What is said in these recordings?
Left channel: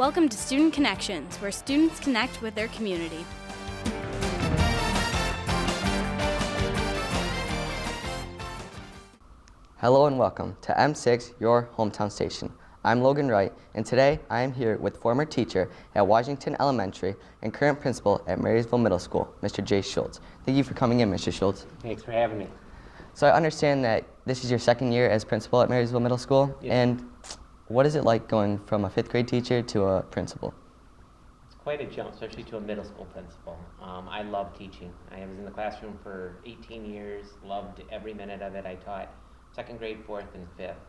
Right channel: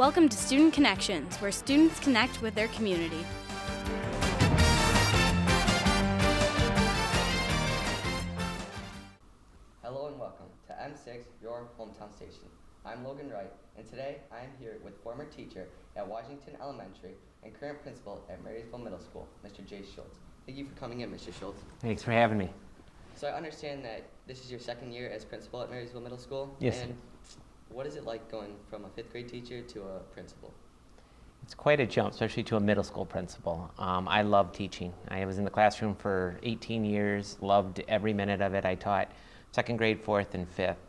Welcome to Student Connections, where students connect with their community. Hello and welcome to M6, your hometown station. I'm Logan Wright, and today I am here with former teacher at Washington Elementary and current principal at Marysville Middle School, Mr. J. Schultz. Thank you for coming in, Mr. Schultz. Thanks for having me. So I understand that this is your second year as principal at Marysville Middle School. Yes. And what is it like going from a fifth grade teacher to a principal? It's quite a jump, especially to a middle school principal. I love teaching. I was in the classroom for 18 years, loved every minute of it. I taught second grade, fourth, and fifth.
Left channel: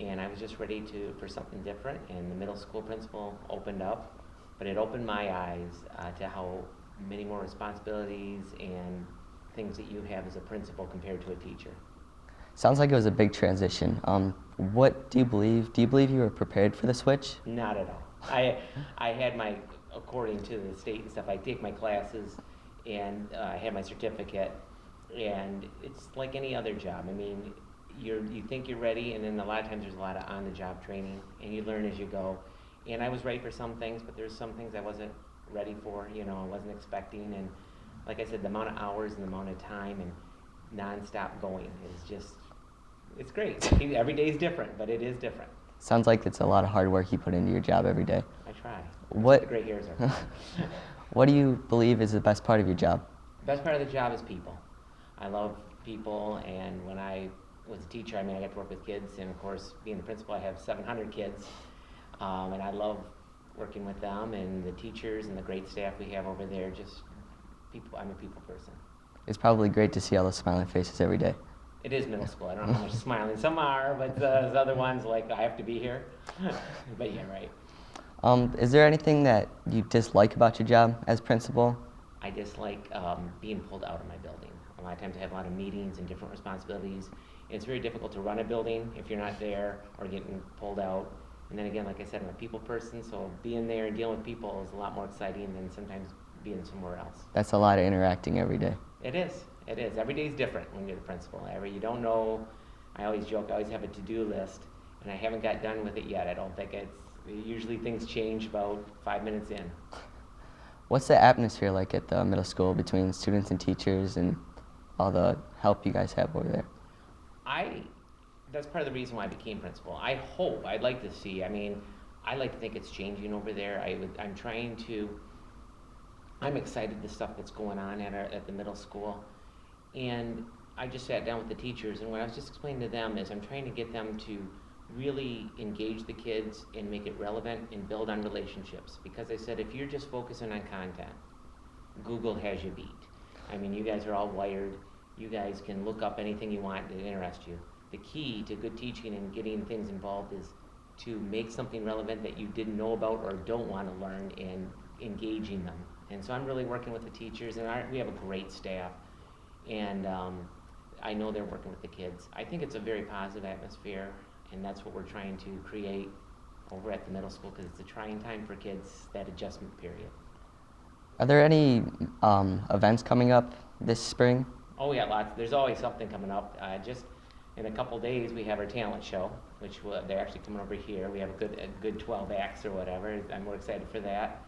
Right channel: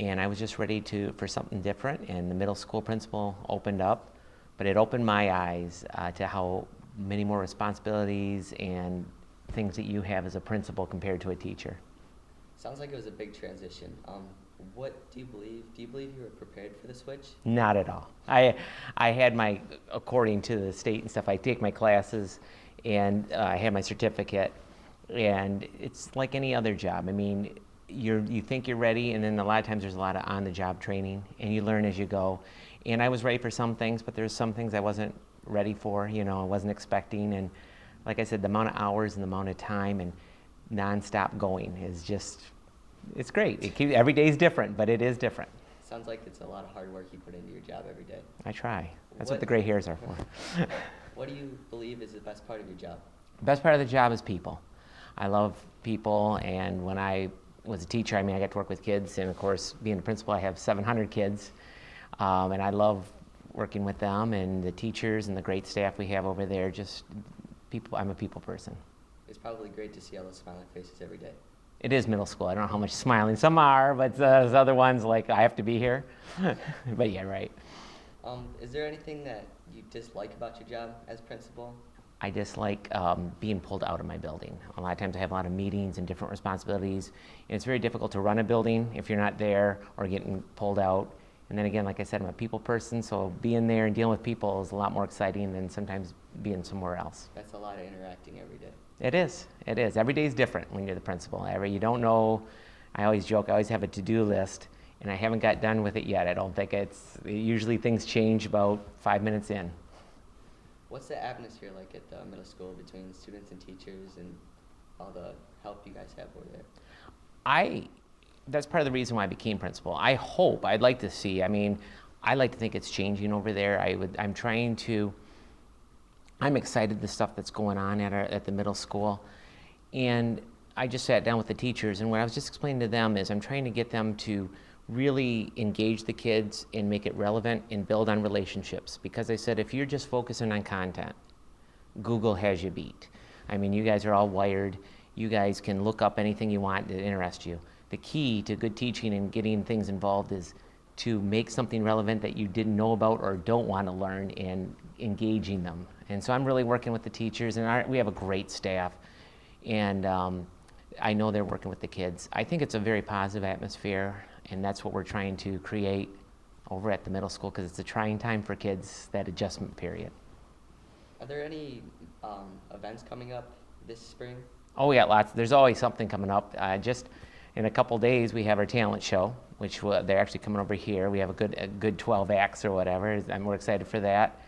And I was just ready for something different, and the middle school principal opened up. But it opened my eyes to how many more responsibilities and things that you have as a principal compared to a teacher. Sounds like it was a big transition. What do you believe? Do you believe you were prepared for the switch? Not at all. I had my, according to the state and stuff, I take my classes, and I had my certificate, and it's like any other job. I mean, you think you're ready, and then a lot of times there's a lot of on-the-job training, and you learn as you go. And I was ready for some things, but there's some things I wasn't ready for, I wasn't expecting. And like I said, the amount of hours and the amount of time and non-stop going is just, it's great. Every day is different, but it is different. Sounds like it's a lot of hard work you put into your job every day. I try. That's what the gray hairs are. What do you believe is the best part of your job? The best part of the job is people. I love people, and when I was a teacher, I got to work with kids, and of course, being the principal, I have 700 kids, and I love working with them and the teachers and the great staff we have over there. Just people. I'm a people person. It's probably great to see all those smiling faces every day. It is middle school. I don't know how much smiling some are, but there's other ones like I have to be here. But yeah, right. Is there anything that you dislike about your job as principal? I dislike being pulled out of my building. A lot of times I have a lot of meetings and different responsibilities, and it's very difficult to run a building if you're not there or getting pulled out. And then again, like I said, I'm a people person, so being there and dealing with people is a lot more exciting than sometimes being somewhere else. That's a lot of interacting every day. It is. It is. Every day is different when you're the principal. You don't know. I always joke, I always have a to-do list, and I haven't got done with it yet. I don't think usually things change about 5 minutes in. What's the atmosphere like at the middle school between students and teachers and all the help you guys have over there? That's part of the reason why I became principal. I'd like to see, I like to think it's changing over there. I'm excited the stuff that's going on at the middle school. And I just sat down with the teachers, and what I was just explaining to them is I'm trying to get them to really engage the kids and make it relevant and build on relationships. Because I said, if you're just focusing on content, Google has you beat. You guys are all wired. You guys can look up anything you want that interests you. The key to good teaching and getting things involved is to make something relevant that you didn't know about or don't want to learn and engaging them. And so I'm really working with the teachers, and we have a great staff. And I know they're working with the kids. I think it's a very positive atmosphere, and that's what we're trying to create over at the middle school, because it's a trying time for kids, that adjustment period. Are there any events coming up this spring? Oh yeah, lots. There's always something coming up. Just in a couple days, we have our talent show, which they're actually coming over here. We have a good 12 acts or whatever, and we're excited for that.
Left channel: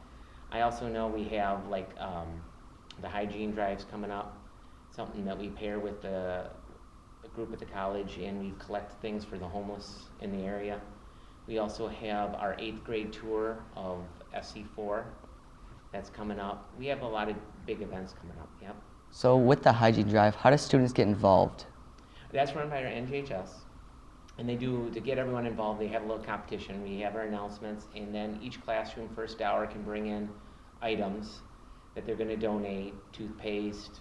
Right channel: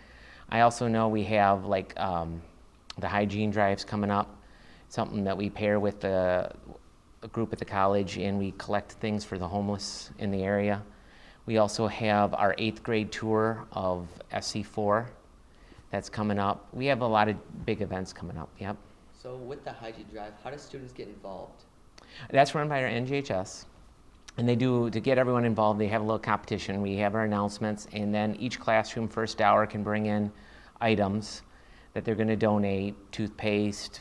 I also know we have the hygiene drives coming up, something that we pair with a group at the college, and we collect things for the homeless in the area. We also have our 8th grade tour of SC4 that's coming up. We have a lot of big events coming up, yep. So with the hygiene drive, how do students get involved? That's run by our NGHS. And to get everyone involved, they have a little competition. We have our announcements, and then each classroom first hour can bring in items that they're going to donate: toothpaste,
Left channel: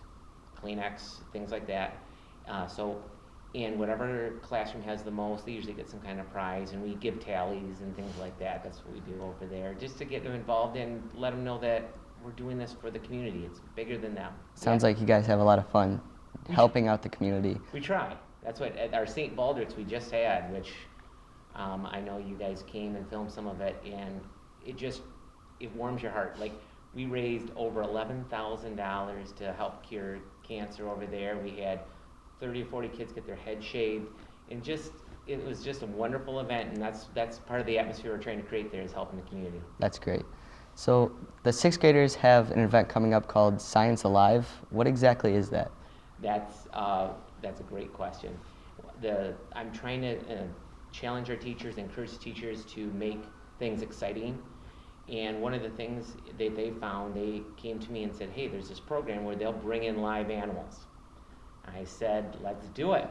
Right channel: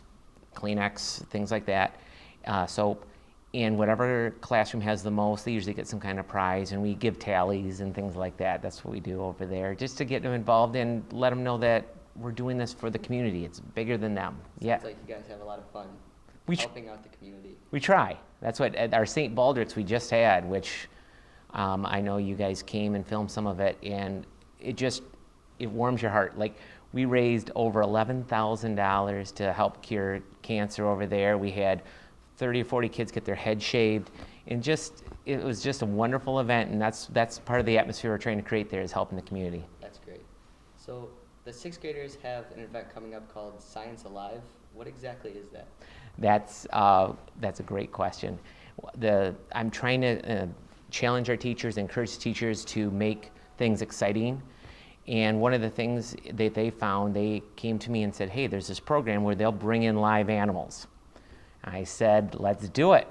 Kleenex, things like that, soap. And whatever classroom has the most, they usually get some kind of prize, and we give tallies and things like that. That's what we do over there, just to get them involved and let them know that we're doing this for the community. It's bigger than them. Sounds like you guys have a lot of fun helping out the community. We try. That's what at our St. Baldrick's we just had, which I know you guys came and filmed some of it, and it warms your heart. Like, we raised over $11,000 to help cure cancer over there. We had 30 or 40 kids get their heads shaved, and it was just a wonderful event, and that's part of the atmosphere we're trying to create there, is helping the community. That's great. So the sixth graders have an event coming up called Science Alive. What exactly is that? That's a great question. I'm trying to challenge our teachers, encourage teachers to make things exciting. And one of the things that they found, they came to me and said, hey, there's this program where they'll bring in live animals. I said, let's do it.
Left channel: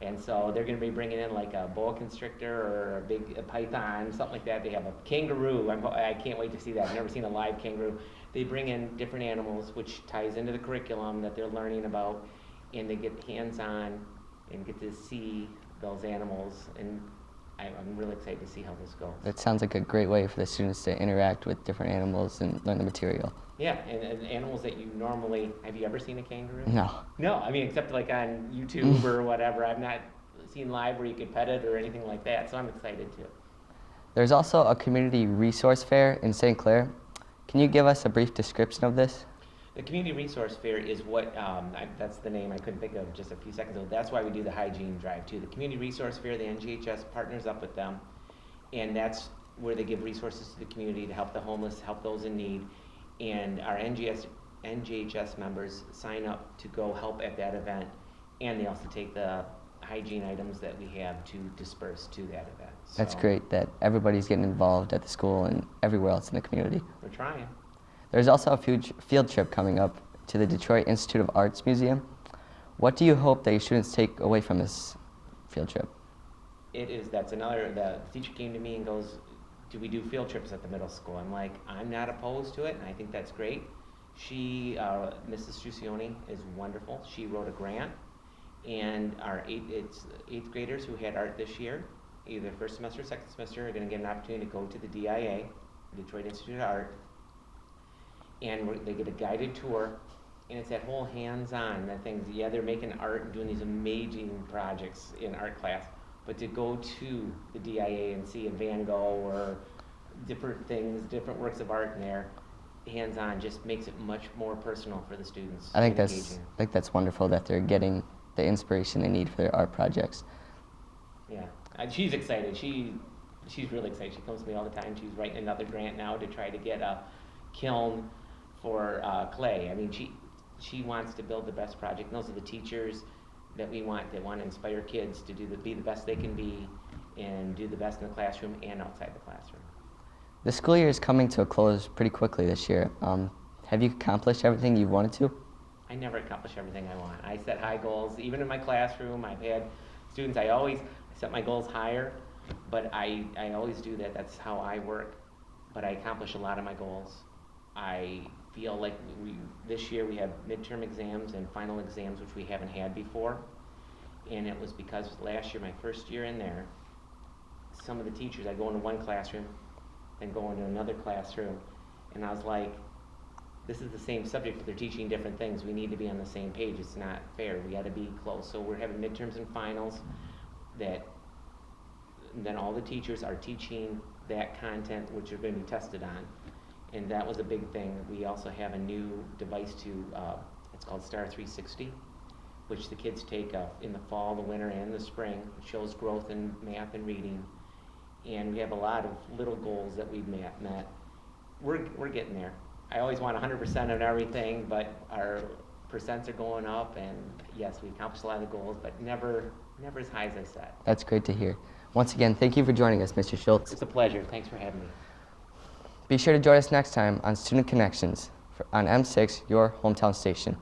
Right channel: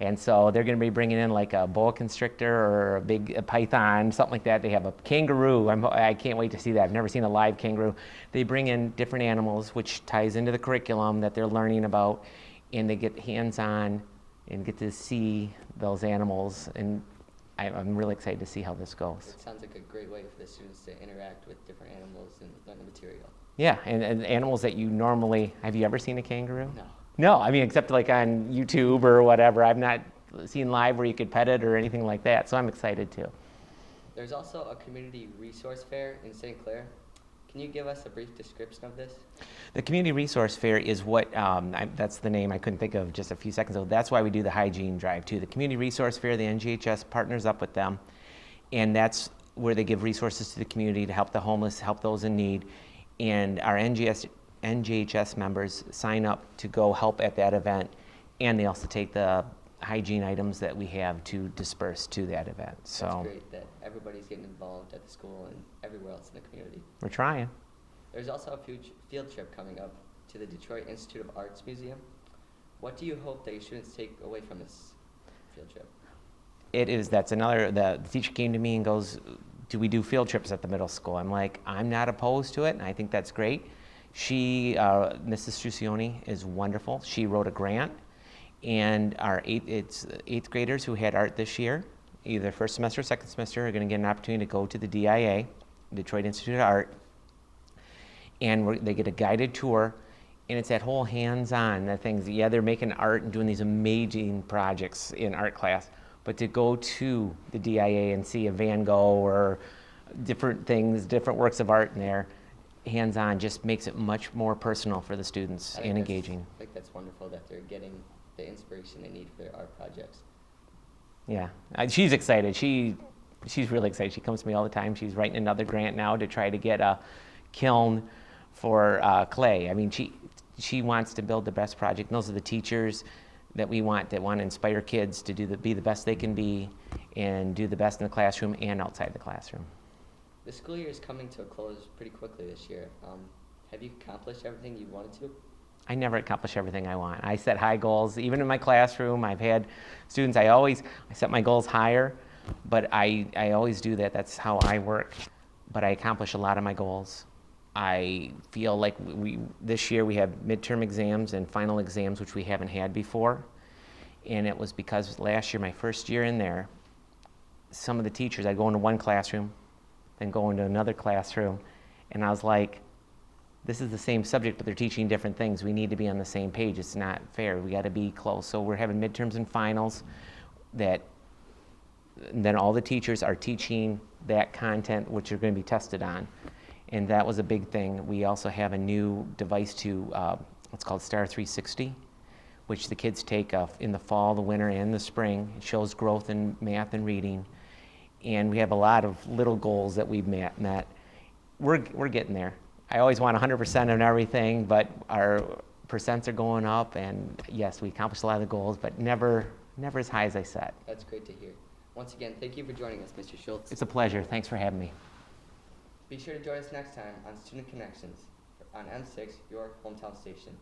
And so they're going to be bringing in like a boa constrictor or a python, something like that. They have a kangaroo. I can't wait to see that. I've never seen a live kangaroo. They bring in different animals, which ties into the curriculum that they're learning about, and they get hands-on and get to see those animals. And I'm really excited to see how this goes. That sounds like a great way for the students to interact with different animals and learn the material. Yeah, and animals that you normally, have you ever seen a kangaroo? No. No, I mean, except like on YouTube or whatever. I've not seen live where you could pet it or anything like that, so I'm excited too. There's also a community resource fair in St. Clair. Can you give us a brief description of this? The Community Resource Fair is what, that's the name I couldn't think of just a few seconds ago. That's why we do the hygiene drive too. The Community Resource Fair, the NGHS partners up with them, and that's where they give resources to the community to help the homeless, help those in need. And our NGHS members sign up to go help at that event, and they also take the hygiene items that we have to disperse to that event. So That's great that everybody's getting involved at the school and everywhere else in the community. we're trying. There's also a field trip coming up to the Detroit Institute of Arts Museum. What do you hope that your students take away from this field trip? The teacher came to me and goes, do we do field trips at the middle school? I'm like, I'm not opposed to it, and I think that's great. Mrs. Strucioni is wonderful. She wrote a grant, and our eighth graders who had art this year, either first semester or second semester, are going to get an opportunity to go to the DIA, Detroit Institute of Art, and they get a guided tour, and it's that whole hands-on, the things. Yeah, they're making art and doing these amazing projects in art class, but to go to the DIA and see a Van Gogh or different things, different works of art in there, hands-on, just makes it much more personal for the students and engaging. I think that's wonderful that they're getting the inspiration they need for their art projects. Yeah, she's excited. She's really excited. She comes to me all the time. She's writing another grant now to try to get a kiln for clay. I mean, she wants to build the best project. And those are the teachers that we want, that want to inspire kids to be the best they can be and do the best in the classroom and outside the classroom. The school year is coming to a close pretty quickly this year. Have you accomplished everything you wanted to? I never accomplish everything I want. I set high goals. Even in my classroom, I've had students, I set my goals higher, but I always do that. That's how I work. But I accomplish a lot of my goals. I feel like this year we have midterm exams and final exams, which we haven't had before. And it was because last year, my first year in there, some of the teachers, I'd go into one classroom, then go into another classroom, and I was like, this is the same subject, but they're teaching different things. We need to be on the same page. It's not fair. We got to be close. So we're having midterms and finals then all the teachers are teaching that content, which are going to be tested on. And that was a big thing. We also have a new device it's called Star 360, which the kids take in the fall, the winter, and the spring. It shows growth in math and reading. And we have a lot of little goals that we've met. We're getting there. I always want 100% on everything, but our percents are going up, and yes, we accomplished a lot of the goals, but never as high as I set. That's great to hear. Once again, thank you for joining us, Mr. Schultz. It's a pleasure. Thanks for having me. Be sure to join us next time on Student Connections on M6, your hometown station.